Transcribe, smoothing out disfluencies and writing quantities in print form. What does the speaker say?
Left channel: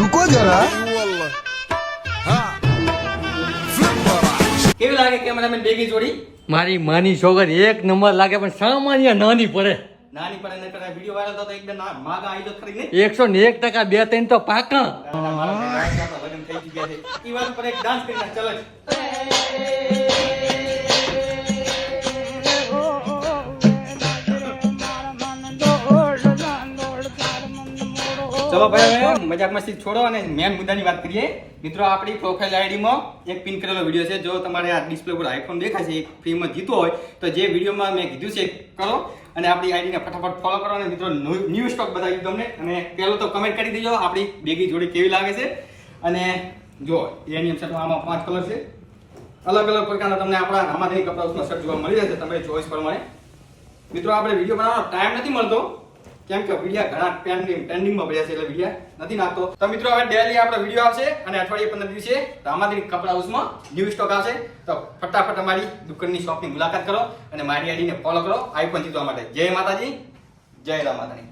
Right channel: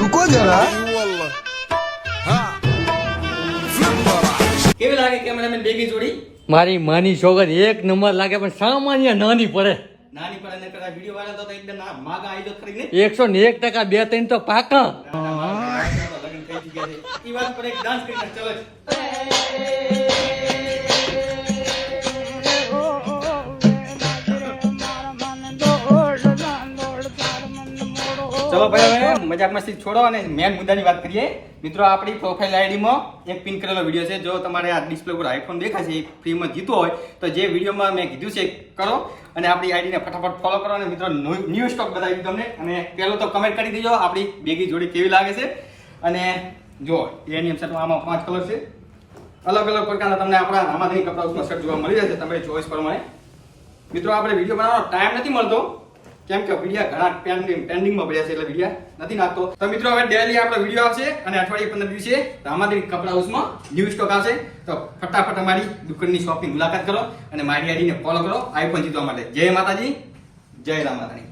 रुको जरा કેવી લાગે કેમેરામેન બેગી જોડી? મારી માની છોકરી એક નંબર લાગે પણ સામાન્ય નાની પડે. નાની પણ એને કદાચ વિડીયો વાયરલ થતો એકદમ માગા આવી તો ખરી નહીં. 101% 2-3 તો પાકા. લગ્ન થઈ ગયા છે. ઈ વાત પર એક ડાન્સ કરી નાખ, ચલો. ચલો ભાઈ હવે મજાક મસ્તી છોડો અને મેન મુદ્દાની વાત કરીએ. મિત્રો આપણી પ્રોફાઇલ આઈડીમાં એક પિન કરેલો વિડીયો છે. જો તમારે આ ડિસ્પ્લે પર આઈફોન દેખાય છે, ફ્રીમાં જીતવો હોય તો જે વિડીયોમાં મેં કીધું છે કરો અને આપણી આઈડીને ફટાફટ ફોલો કરો. અને મિત્રો ન્યૂ સ્ટોક બતાવી તમને. અને પહેલો તો કમેન્ટ કરી દેજો આપણી બેગી જોડી કેવી લાગે છે. અને જો એની શર્ટમાં આમાં 5 કલર છે. અલગ અલગ પ્રકારના તમને આપણા આમાંથી કપડાઓના શર્ટ જોવા મળી જશે તમે ચોઈસ પ્રમાણે. મિત્રો આપણે વિડીયો બનાવવાનો ટાઈમ નથી મળતો કેમ કે વિડીયો ઘણા ટ્રેન્ડિંગમાં પડ્યા છે એટલે વિડીયો નથી નાખતો. તો મિત્રો હવે ડેલી આપણો વિડીયો આવશે અને અઠવાડિયે 15 દિવસે તો આમાંથી કપડા હાઉસમાં ન્યૂ સ્ટોક આવશે. તો ફટાફટ અમારી દુકાનની શોપની મુલાકાત કરો અને મારી આઈડીને ફોલો કરો આઈફોન જીતવા માટે. જય માતાજી, જય રામ માતાજી.